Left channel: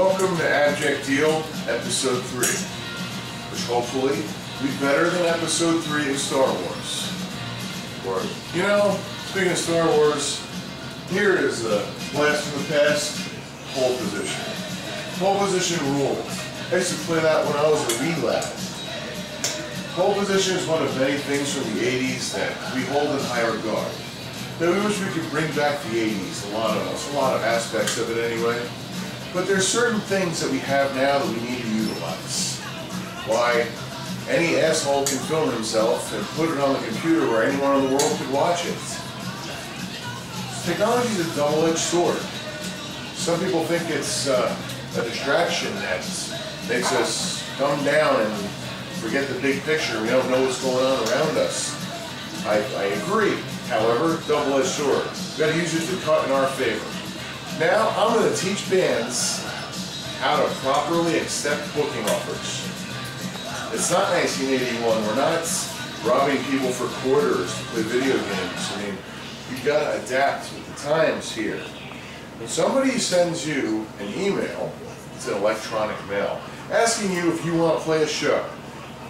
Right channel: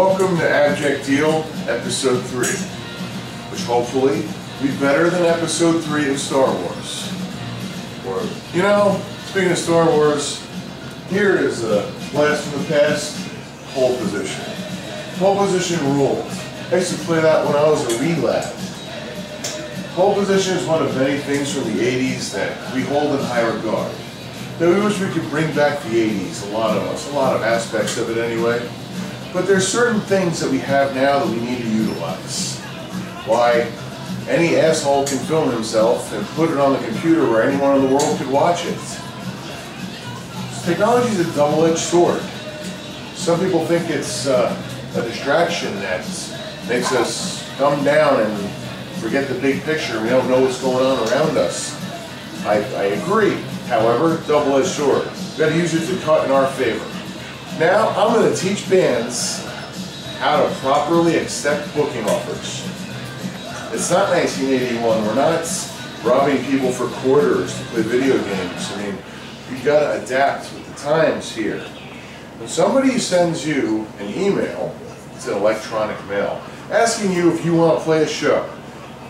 Welcome to Abject Deal, Episode 3, which hopefully will be better than Episode 3 of Star Wars. Or, you know, speaking of Star Wars, here is a blast from the past, pole position. Pole position rules. I used to play that when I was a wee lad. Pole position is one of many things from the 80s that we hold in high regard. That we wish we could bring back the 80s, a lot of aspects of it anyway. But there's certain things that we have now that we need to utilize. Why, any asshole can film himself and put it on the computer where anyone in the world could watch it. Technology is a double-edged sword. Some people think it's a distraction that makes us dumb down and forget the big picture. We don't know what's going on around us. I agree. However, double-edged sword. We've got to use it to cut in our favor. Now, I'm going to teach bands how to properly accept booking offers. It's not 1981. We're not robbing people for quarters to play video games. I mean, you've got to adapt with the times here. When somebody sends you an email, it's an electronic mail, asking you if you want to play a show,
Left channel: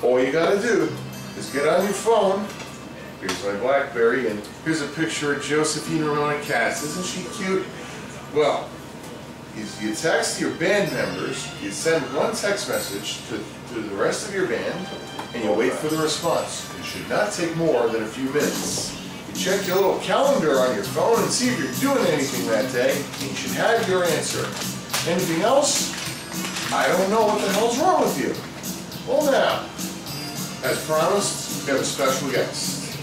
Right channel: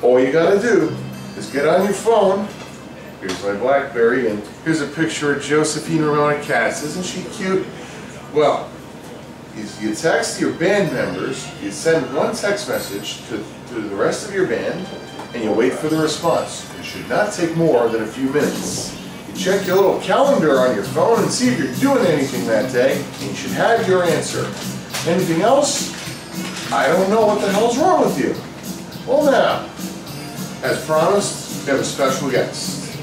all you got to do is get on your phone. Here's my BlackBerry, and here's a picture of Josephine Ramona Katz. Isn't she cute? Well, you text your band members, you send one text message to the rest of your band, and you wait for the response. It should not take more than a few minutes. You check your little calendar on your phone and see if you're doing anything that day, and you should have your answer. Anything else? I don't know what the hell's wrong with you. Well now, as promised, we have a special guest.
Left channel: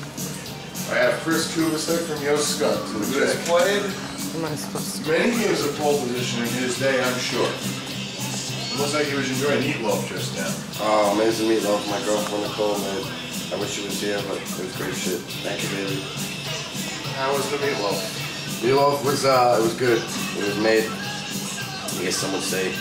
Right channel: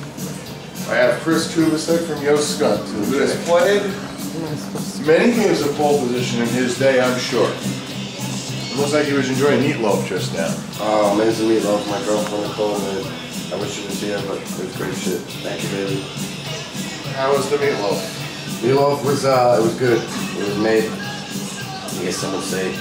I have Chris Kubicek from scunt, who has played many games of pole position in his day, I'm sure. It looks like he was enjoying meatloaf just now. Oh, amazing meatloaf, my girlfriend Nicole, man. I wish she was here, but it was great shit. Thank you, baby. How was the meatloaf? Meatloaf was, it was good. It was made, I guess some would say,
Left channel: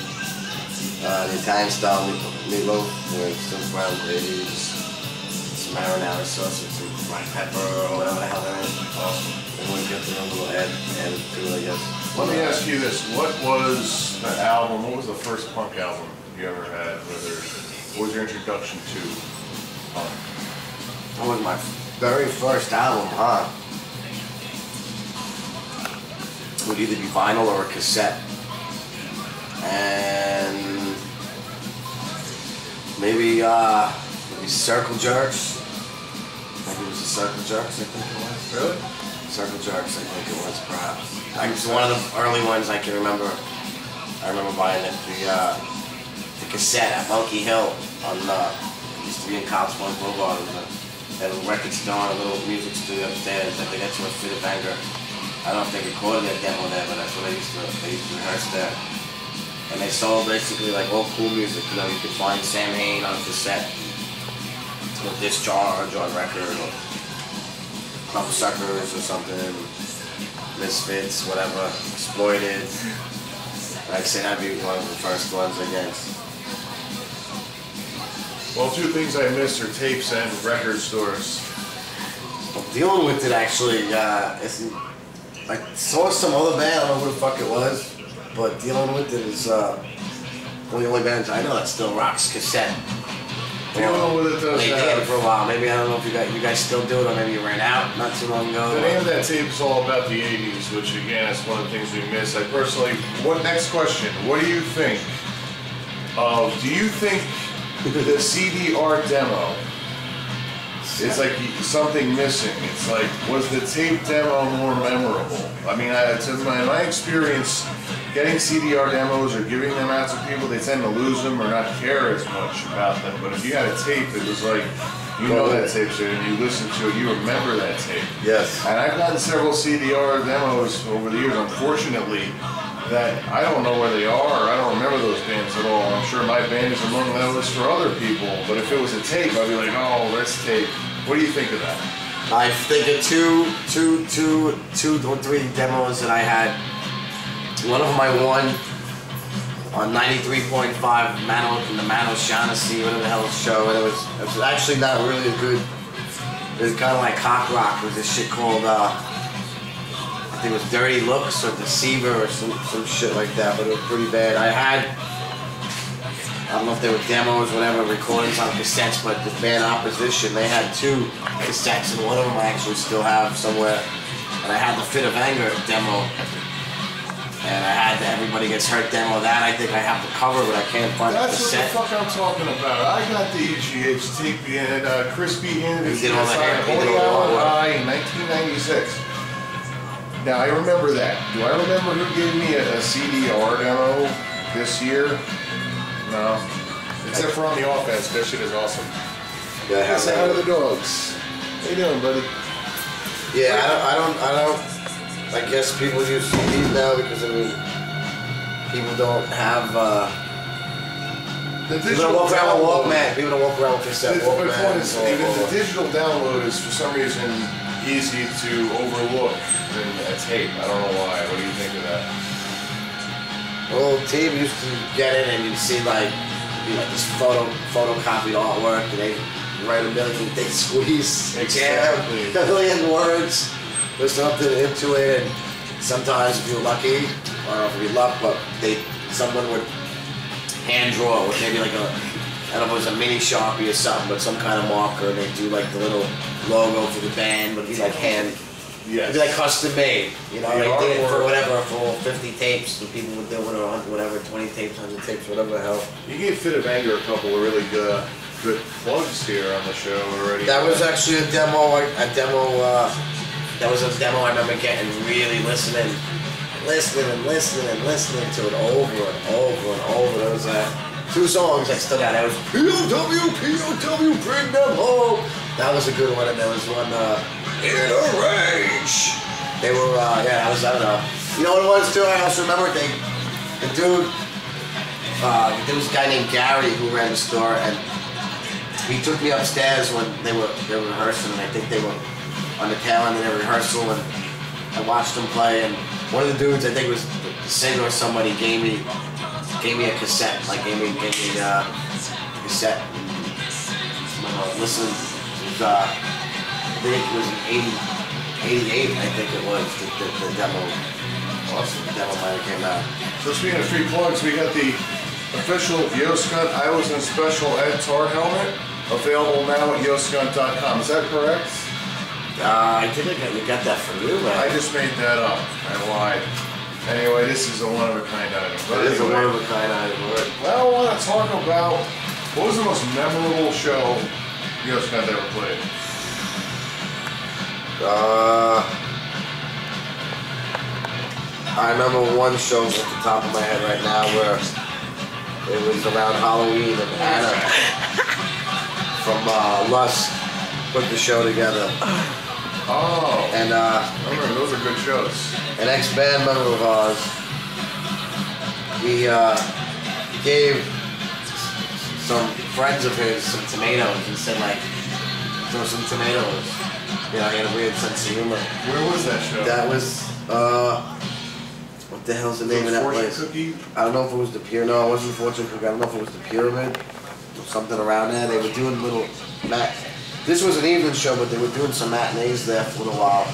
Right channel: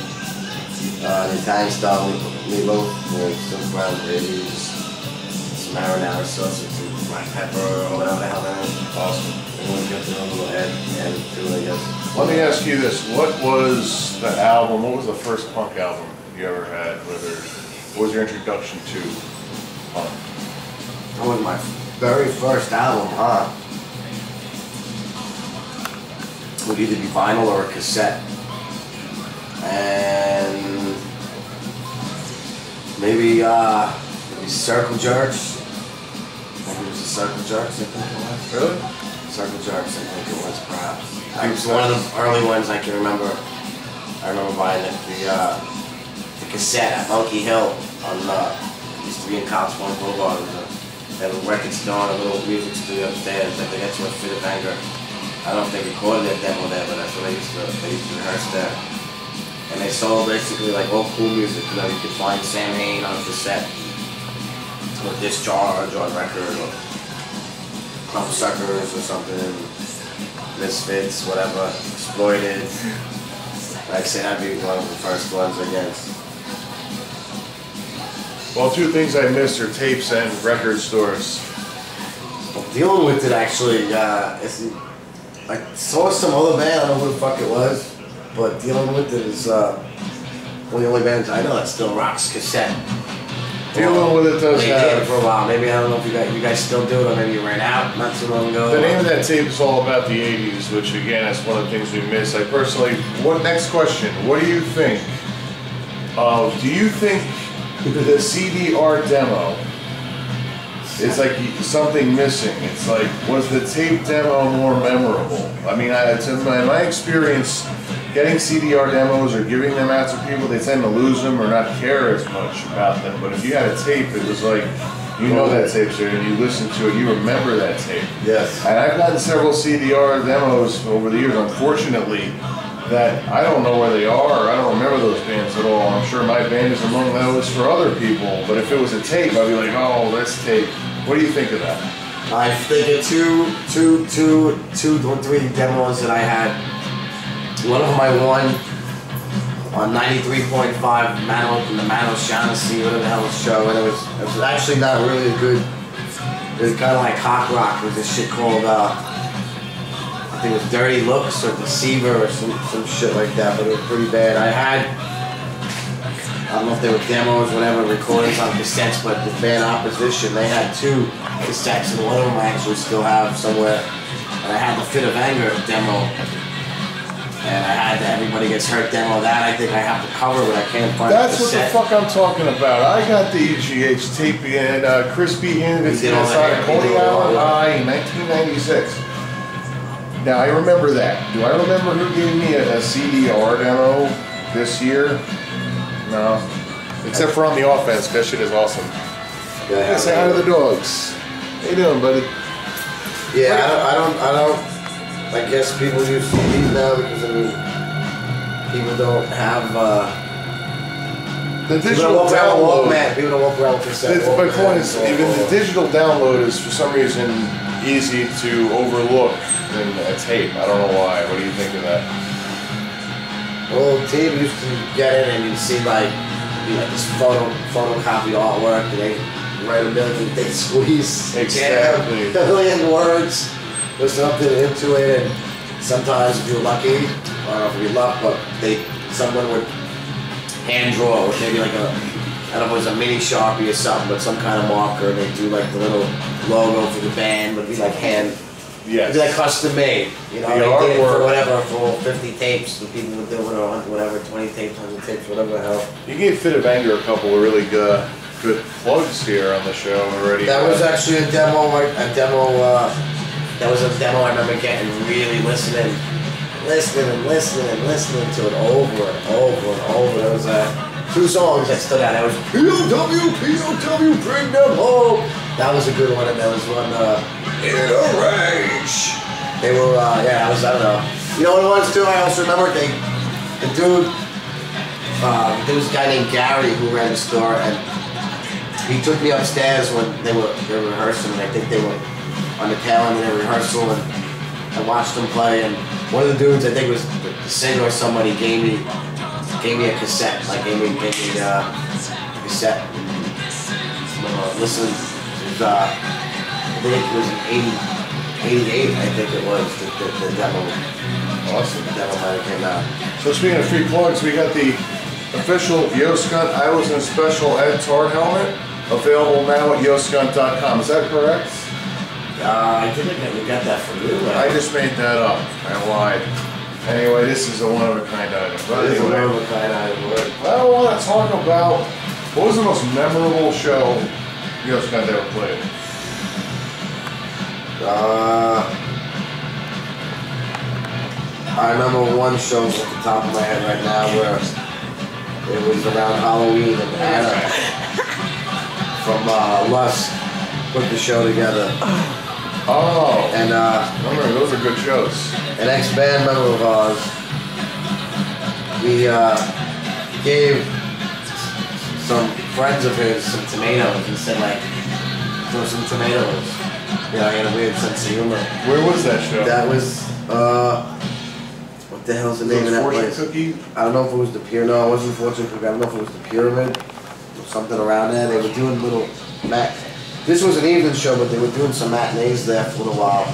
the Italian style meatloaf, with some ground gravy, some marinara sauce, and some black pepper, or whatever the hell that is. Awesome. And we got their own little head and do it, I guess. Let me ask you this, what was the album, what was the first punk album you ever had? What was your introduction to punk? That was my very first album, huh? It would either be vinyl or a cassette. And maybe Circle Jerks. Maybe it was the Circle Jerks, I think it was. Really? Circle Jerks, I think it was, perhaps. It was one of the early ones I can remember. I remember buying the cassette at Monkey Hill on used to be in Cops One Boulevard. They had a record store and a little music studio upstairs. I think that's where Fit of Anger. I don't know if they recorded that demo there, but that's what they used to rehearse there. And they sold basically like all cool music. You know, you could find Sam Hain on cassette, or Discharge on record, or Club Suckers or something, Misfits, whatever, Exploited. Like I said, that'd be one of the first ones, I guess. Well, two things I missed are tapes and record stores. Well, dealing with it actually, I saw some other band, I don't know who the fuck it was, but Dealing With It is one of the only bands I know that still rocks cassette. Dealing With It does They did for a while. Maybe, I don't know if you guys still do it, or maybe you ran out not too long ago. The name of that tape is all about the 80s, which again is one of the things we miss. I personally, next question, what do you think of, do you think the CDR demo, it's like something missing? It's like, was the tape demo more memorable? I mean, in my experience, getting CDR demos or giving them out to people, they tend to lose them or not care as much about them. But if you had a tape, it was like, you know that tape's there, and you listen to it, you remember that tape. Yes. And I've gotten several CDR demos over the years, unfortunately, that I don't know where they are, I don't remember those bands at all. I'm sure my band is among those for other people, but if it was a tape, I'd be like, oh, this tape. What do you think of that? I think of two or three demos that I had. One of them I won on 93.5 the Mano Shaughnessy, whatever the hell the show, and it was actually not really good. It was kind of like cock rock. It was this shit called I think it was Dirty Looks or Deceiver or some shit like that, but it was pretty bad. I don't know if they were demos, whatever, recordings on cassettes, but the band Opposition, they had 2 cassettes, and one of them I actually still have somewhere. And I had the Fit of Anger demo, and I had the Everybody Gets Hurt demo. That I think I have the cover, but I can't find the cassette. That's what the fuck I'm talking about. I got the EGH tape in Crispy Handed inside Holy Hour in 1996. Now I remember that. Do I remember who gave me a CDR demo this year? No. Except for On the Offense, that shit is awesome. Yeah, say hi to the dogs. How you doing, buddy? Yeah, I don't. I guess people use CDs now because I mean, people don't have. The digital download. People don't walk around with cassette. My point is, even the digital download is for some reason easy to overlook than a tape. I don't know why. What do you think of that? Well, tape used to get in and you'd see like this photocopied artwork, and they write a million, they squeeze exactly a million words or something into it, and sometimes if you're lucky, I don't know if you're luck, but someone would hand draw it with maybe like I don't know if it was a mini Sharpie or something, but some kind of marker, and they do like the little logo for the band, but it'd be like it'd be like custom made, you know, they did it for whatever, for 50 tapes, and people would do it, or whatever, 20 tapes, 100 tapes, whatever the hell. You gave Fit of Anger a couple of really good plugs here on the show already. That was actually a demo I remember getting, really listening to it over and over and over. There was 2 songs that stood out. That was POW, bring them home. That was a good one, and there was one, In a Rage. They were, I don't know. You know what it was too? I also remember there was a guy named Gary who ran the store, and he took me upstairs when they were rehearsing, and I think they were on the tail end of their rehearsal, and I watched them play, and one of the dudes, I think it was the singer or somebody, gave me a cassette, like gave me a cassette. Listen, I think it was 88, I think it was, the demo. Awesome. The demo might have came out. So speaking of free plugs, we got the official Scunt I Was in Special Ed Tart helmet, available now at yoscunt.com. Is that correct? I think we got that from you, man. I just made that up. I lied. Anyway, this is a one-of-a-kind item. It is a one-of-a-kind item. I want to talk about what was the most memorable show Scunt ever played. I remember one show at the top of my head right now where it was around Halloween, and Anna from Lust put the show together. Oh, and remember, those are good shows. An ex-band member of ours, he gave some friends of his some tomatoes and said, like, throw some tomatoes. You know, he had a weird sense of humor. Where was that show? That was, what the hell's the name of that place? Cookie? I don't know if it was the Pyramid. No, it wasn't Fortune Cookie. I don't know if it was the Pyramid or something around there. They were doing little This was an evening show, but they were doing some matinees there for a little while.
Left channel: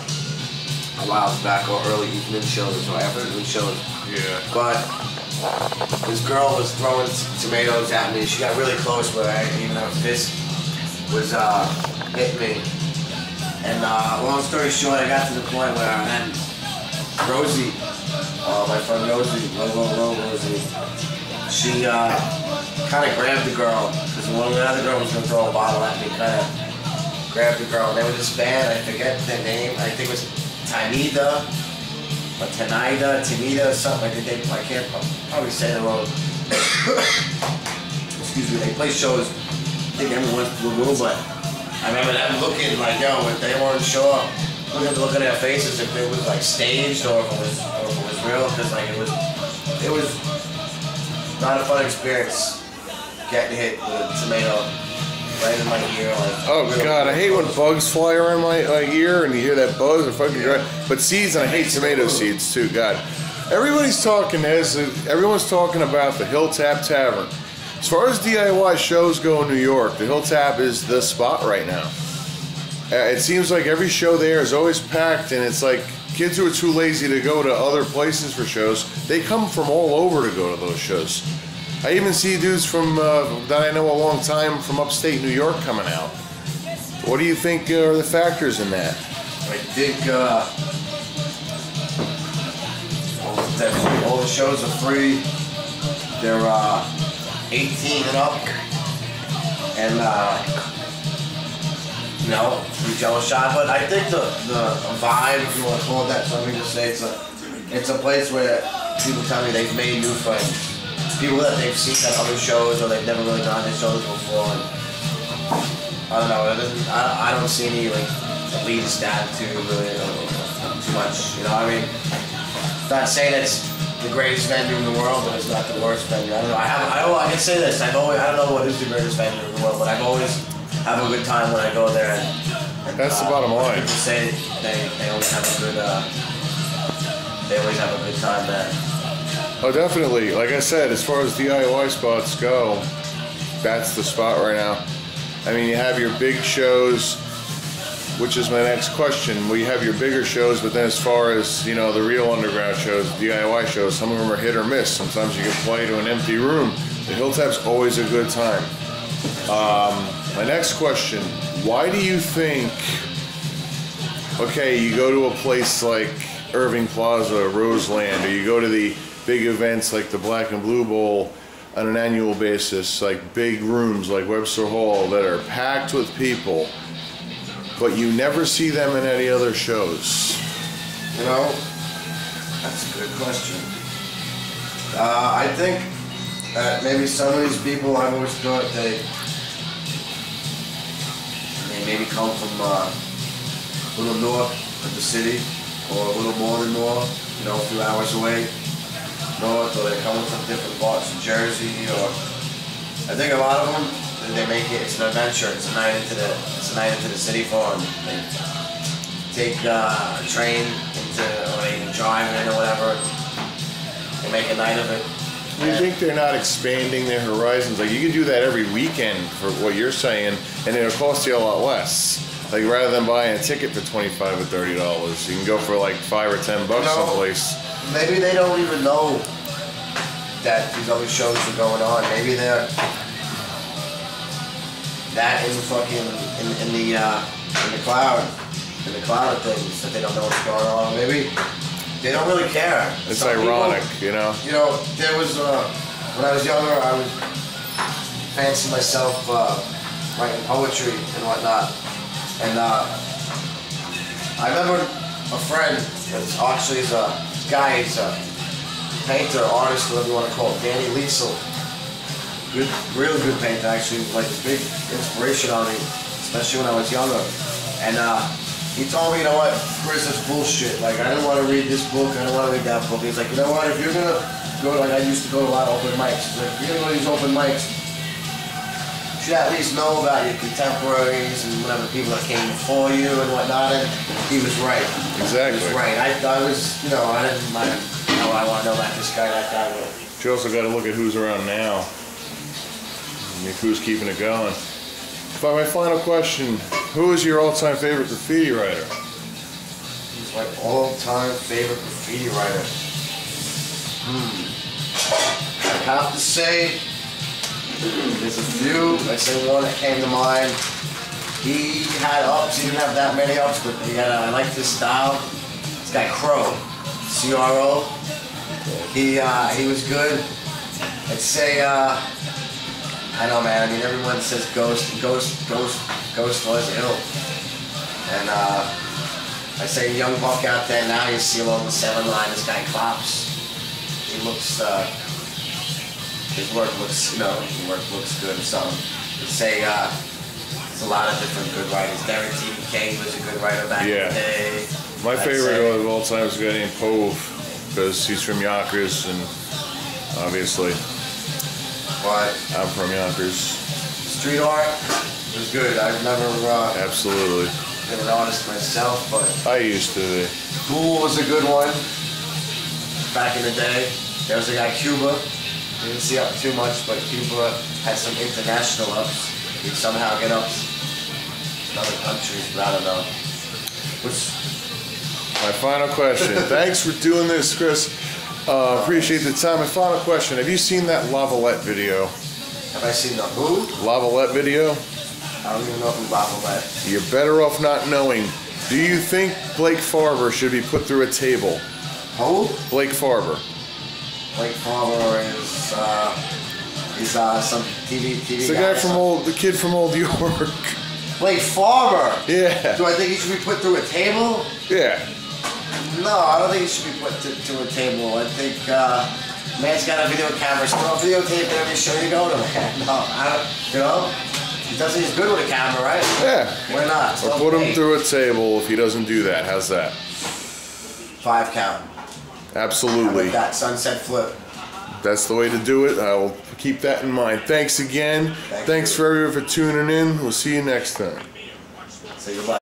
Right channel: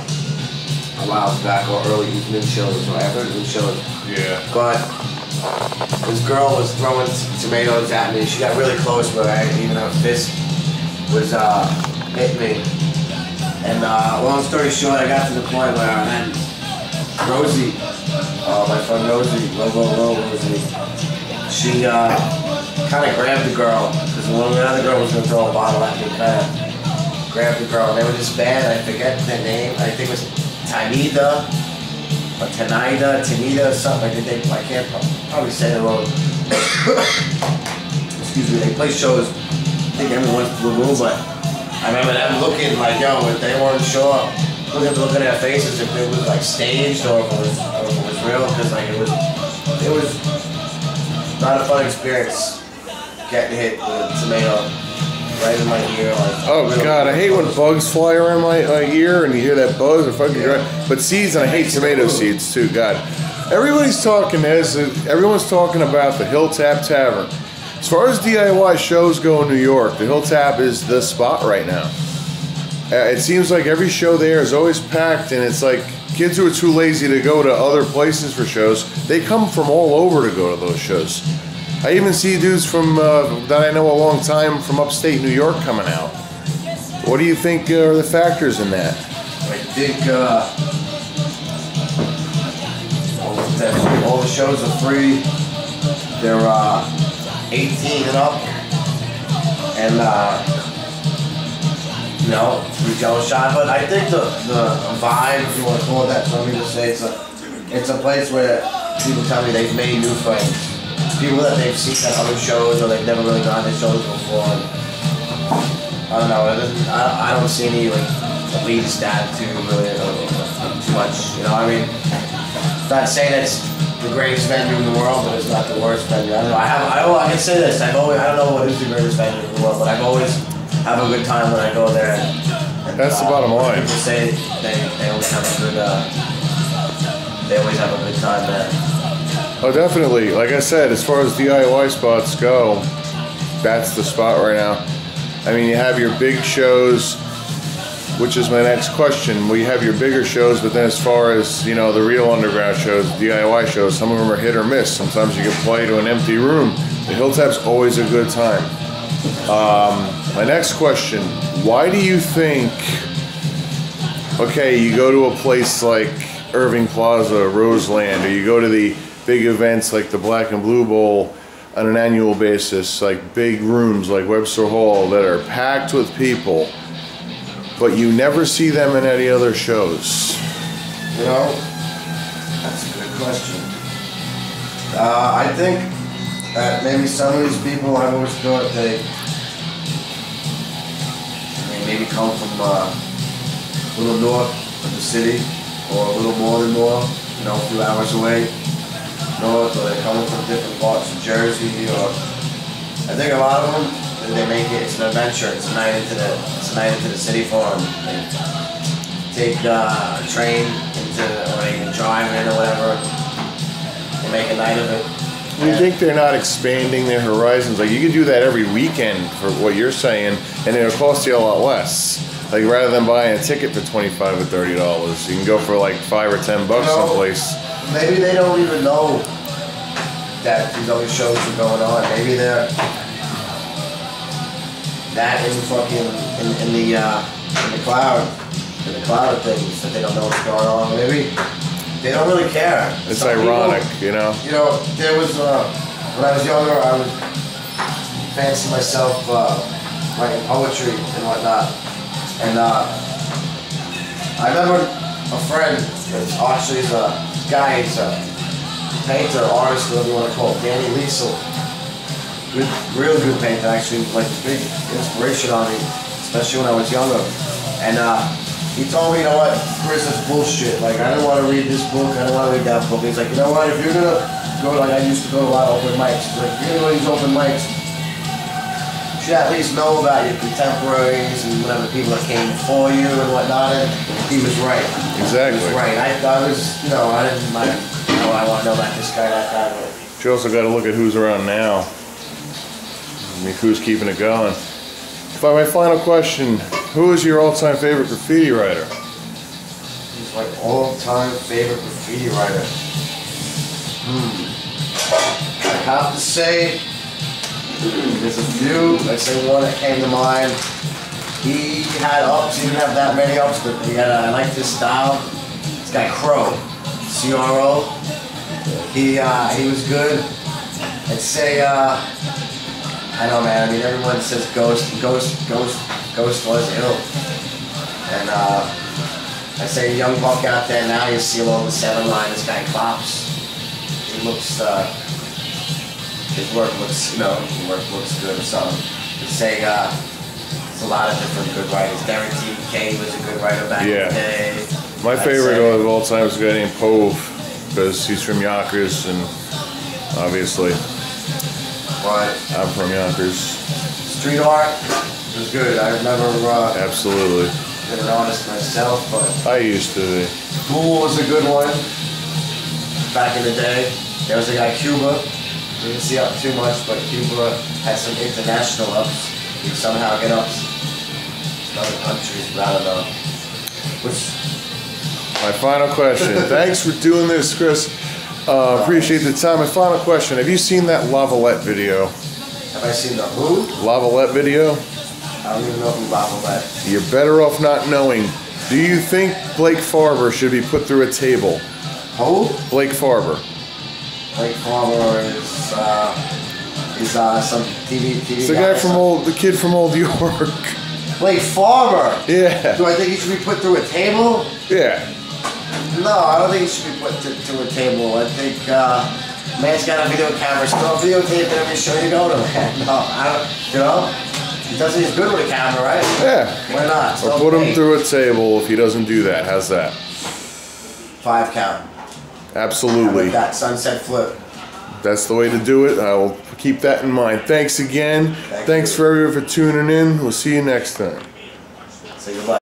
A while back, or early evening shows, or after evening shows. Yeah. But this girl was throwing tomatoes at me. She got really close, but even her fist was hitting me. And long story short, I got to the point where then Rosie, my friend Rosie, Rosie, she kind of grabbed the girl, because one of the other girl was going to throw a bottle at me, kind of grabbed the girl. And they were this band, I forget their name, I think it was Tanida, or Tanida, or something. I can't probably say it wrong. Excuse me, they play shows, I think every once in a blue moon, but I remember them looking like, yo, if they weren't sure, look at their faces if it was like staged or if it was real, because like it was not a fun experience getting hit with a tomato right in my ear. Like, oh really God, I hate when bugs fly around my ear and you hear that buzz or fucking but seeds, and I hate tomato seeds too. God, everyone's talking about the Hilltap Tavern. As far as DIY shows go in New York, the Hilltap is the spot right now. It seems like every show there is always packed, and it's like kids who are too lazy to go to other places for shows, they come from all over to go to those shows. I even see dudes from that I know a long time from upstate New York coming out. What do you think are the factors in that? I think all the shows are free. They're 18 and up, and you know, free jello shot. But I think the vibe, if you want to call it that, so let me just say it's a place where people tell me they've made new friends. People that they've seen at other shows or they've never really gone to shows before. And I don't know. I don't see any like elitist attitude really too much. You know, I mean, not saying it's the greatest venue in the world, but it's not the worst venue. I don't know. I can say this. I don't know what is the greatest venue in the world, but I've always have a good time when I go there. And that's the bottom line. People say they always have a good. They always have a good time there. Oh, definitely. Like I said, as far as DIY spots go, that's the spot right now. I mean, you have your big shows, which is my next question. Well, you have your bigger shows, but then as far as, you know, the real underground shows, DIY shows, some of them are hit or miss. Sometimes you can play to an empty room. The Hilltop's always a good time. My next question, why do you think, okay, you go to a place like Irving Plaza, Roseland, or you go to the big events like the Black and Blue Bowl on an annual basis, like big rooms like Webster Hall that are packed with people, but you never see them in any other shows? You know, that's a good question. I think that maybe some of these people, I've always thought they maybe come from a little north of the city, or a little more than north, you know, a few hours away north, or they're coming from different parts of Jersey, or I think a lot of them, they make it, it's an adventure, it's a night into the city for them. They take a train or they can drive in or whatever, they make a night of it. Do you think they're not expanding their horizons? Like, you could do that every weekend for what you're saying, and it'll cost you a lot less. Like, rather than buying a ticket for $25 or $30, you can go for like $5 or $10 someplace. Maybe they don't even know that these other shows are going on. Maybe they're that in the cloud of things that they don't know what's going on. Maybe they don't really care. It's some ironic, people, you know. You know, there was when I was younger, I would fancy myself writing poetry and whatnot, and I remember a friend that's actually a guy, he's a painter, artist, whatever you want to call it, Danny Liesel. Good, real good painter, actually, like a big inspiration on me, especially when I was younger. And he told me, you know what, Chris, that's bullshit. Like, I didn't want to read this book, I didn't want to read that book. He's like, you know what, if you're gonna go, like, I used to go to a lot of open mics. He's like, if you're gonna go to these open mics, you should at least know about your contemporaries and whatever people that came before you and whatnot. And he was right. Exactly. He was right. I was, you know, I didn't mind, you know, I want to know about this guy, that guy. But you also got to look at who's around now. I mean, who's keeping it going. But my final question, who is your all-time favorite graffiti writer? Who's my all-time favorite graffiti writer? I have to say, there's a few. I'd say one that came to mind. He had ups. He didn't have that many ups, but he had. I liked his style. This guy Crow, C-R-O. He was good. I'd say I know, man. I mean, everyone says Ghost was ill, and I say young buck out there now. You see him on the 7 line. This guy Klops. He looks. His work looks, you know, good or something. I'd say it's a lot of different good writers. Derek TBK was a good writer back in the day. My favorite of all time is a guy named Pove, because he's from Yonkers, and obviously I'm from Yonkers. Street art was good. I've never absolutely been an artist myself, but I used to be. Ghoul was a good one back in the day. There was a guy Cuba. Didn't see up too much, but Cuba had some international ups. We somehow get ups in other countries, but I don't know. My final question. Thanks for doing this, Chris. Appreciate the time. My final question. Have you seen that Lavalette video? Have I seen the who? Lavalette video? I don't even know who Lavalette. You're better off not knowing. Do you think Blake Farber should be put through a table? Who? Blake Farber. Blake Farber is some TV It's the guy from the kid from Old York. Blake Farber. Yeah. Do I think he should be put through a table? Yeah. No, I don't think he should be put to a table. I think man's got a video camera. Still videotape every show you go to, man. No, I don't. You know, he does. He's good with a camera, right? Yeah. Why not? Or put him through a table if he doesn't do that. How's that? 5 count. Absolutely. With that sunset flip. That's the way to do it. I will keep that in mind. Thanks again. Thanks for everyone for tuning in. We'll see you next time. Say goodbye.